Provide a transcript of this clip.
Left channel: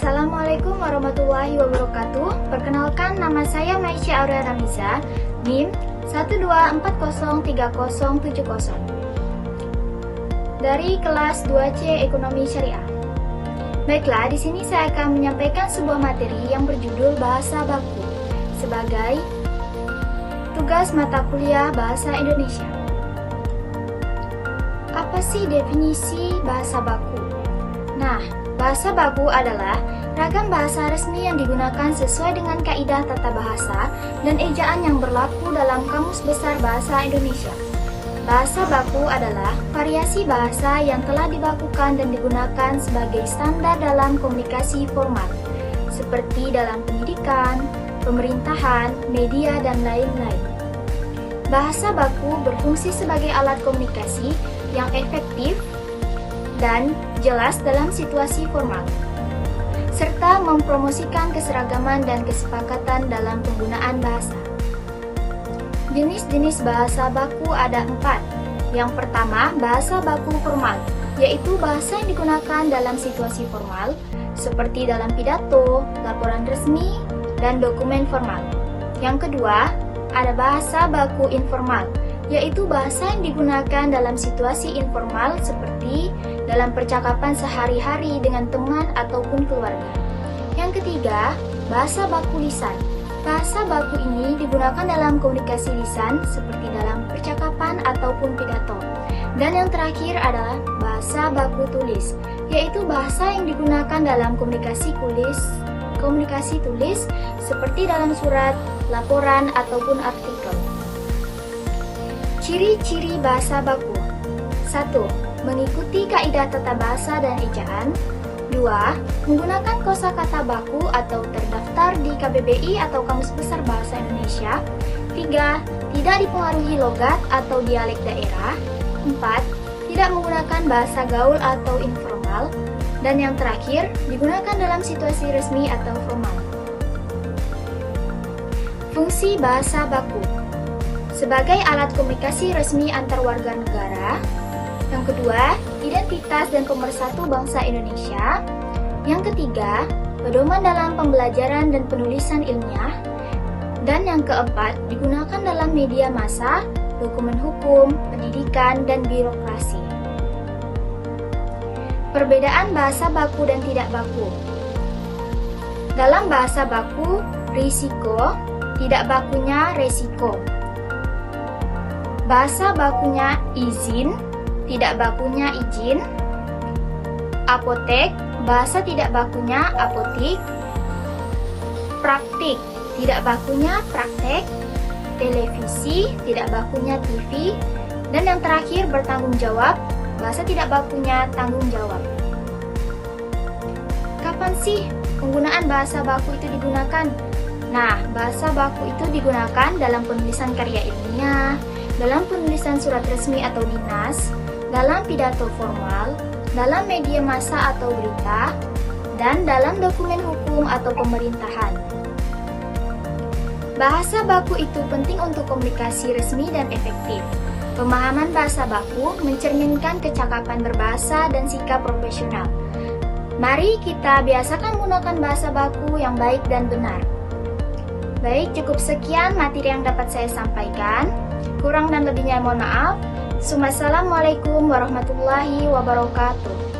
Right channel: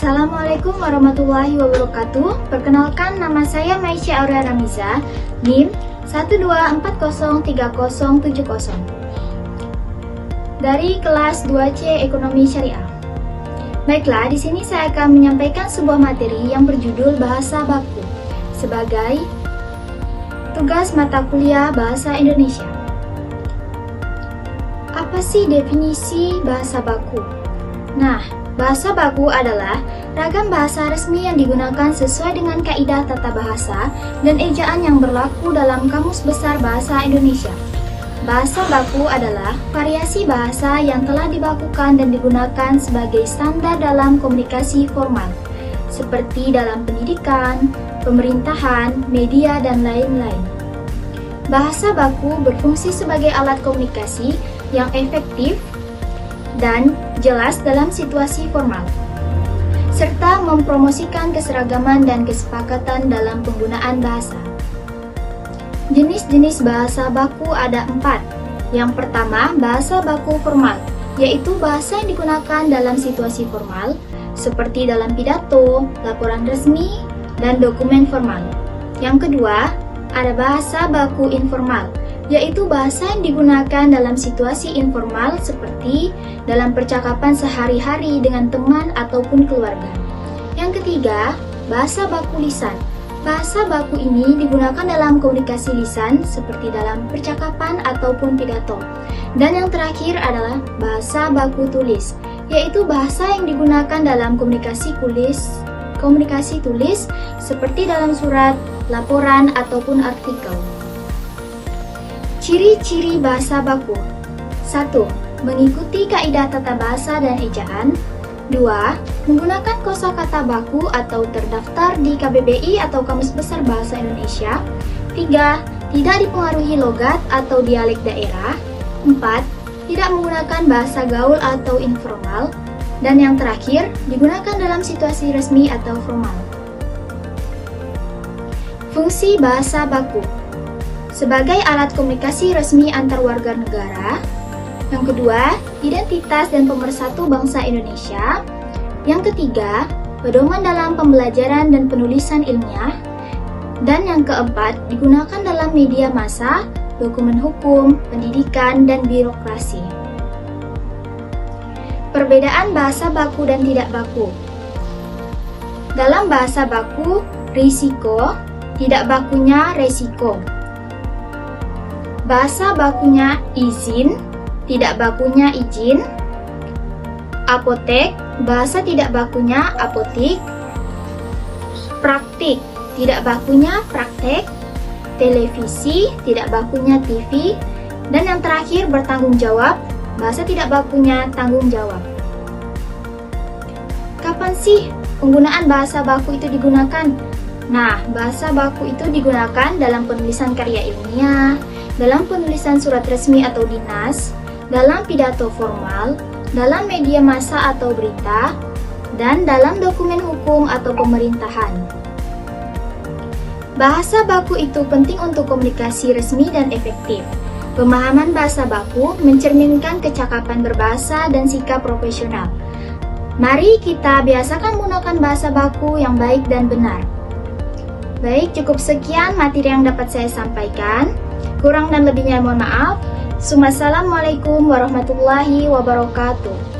Assalamualaikum warahmatullahi wabarakatuh. Perkenalkan, nama saya Maisha Aurea Ramiza, NIM 124030770 dari kelas 2C Ekonomi Syariah. Baiklah, di sini saya akan menyampaikan sebuah materi yang berjudul Bahasa Baku sebagai tugas mata kuliah Bahasa Indonesia. Apa sih definisi bahasa baku? Nah, bahasa baku adalah ragam bahasa resmi yang digunakan sesuai dengan kaidah tata bahasa dan ejaan yang berlaku dalam Kamus Besar Bahasa Indonesia. Bahasa baku adalah variasi bahasa yang telah dibakukan dan digunakan sebagai standar dalam komunikasi formal, seperti dalam pendidikan, pemerintahan, media, dan lain-lain. Bahasa baku berfungsi sebagai alat komunikasi yang efektif dan jelas dalam situasi formal, serta mempromosikan keseragaman dan kesepakatan dalam penggunaan bahasa. Jenis-jenis bahasa baku ada 4. Yang pertama, bahasa baku formal, yaitu bahasa yang digunakan dalam situasi formal, seperti dalam pidato, laporan resmi, dan dokumen formal. Yang kedua, ada bahasa baku informal, yaitu bahasa yang digunakan dalam situasi informal seperti dalam percakapan sehari-hari dengan teman ataupun keluarga. Yang ketiga, bahasa baku lisan. Bahasa baku ini digunakan dalam komunikasi lisan seperti dalam percakapan ataupun pidato. Dan yang terakhir adalah bahasa baku tulis, yaitu bahasa yang digunakan dalam komunikasi tulis seperti dalam surat, laporan, ataupun artikel. Ciri-ciri bahasa baku. 1. Mengikuti kaidah tata bahasa dan ejaan. 2. Menggunakan kosakata baku atau terdaftar di KBBI atau Kamus Besar Bahasa Indonesia. 3. Tidak dipengaruhi logat atau dialek daerah. 4. Tidak menggunakan bahasa gaul atau informal. Dan yang terakhir, digunakan dalam situasi resmi atau formal. Fungsi bahasa baku sebagai alat komunikasi resmi antar warga negara. Yang kedua, identitas dan pemersatu bangsa Indonesia. Yang ketiga, pedoman dalam pembelajaran dan penulisan ilmiah. Dan yang keempat, digunakan dalam media massa, dokumen hukum, pendidikan, dan birokrasi. Perbedaan bahasa baku dan tidak baku. Dalam bahasa baku, risiko, tidak bakunya resiko. Bahasa bakunya izin, tidak bakunya izin. Apotek, bahasa tidak bakunya apotik. Praktik, tidak bakunya praktek. Televisi, tidak bakunya TV. Dan yang terakhir, bertanggung jawab, bahasa tidak bakunya tanggung jawab. Kapan sih penggunaan bahasa baku itu digunakan? Nah, bahasa baku itu digunakan dalam penulisan karya ilmiah, dalam penulisan surat resmi atau dinas, dalam pidato formal, dalam media massa atau berita, dan dalam dokumen hukum atau pemerintahan. Bahasa baku itu penting untuk komunikasi resmi dan efektif. Pemahaman bahasa baku mencerminkan kecakapan berbahasa dan sikap profesional. Mari kita biasakan menggunakan bahasa baku yang baik dan benar. Baik, cukup sekian materi yang dapat saya sampaikan. Kurang dan lebihnya mohon maaf. Assalamualaikum warahmatullahi wabarakatuh.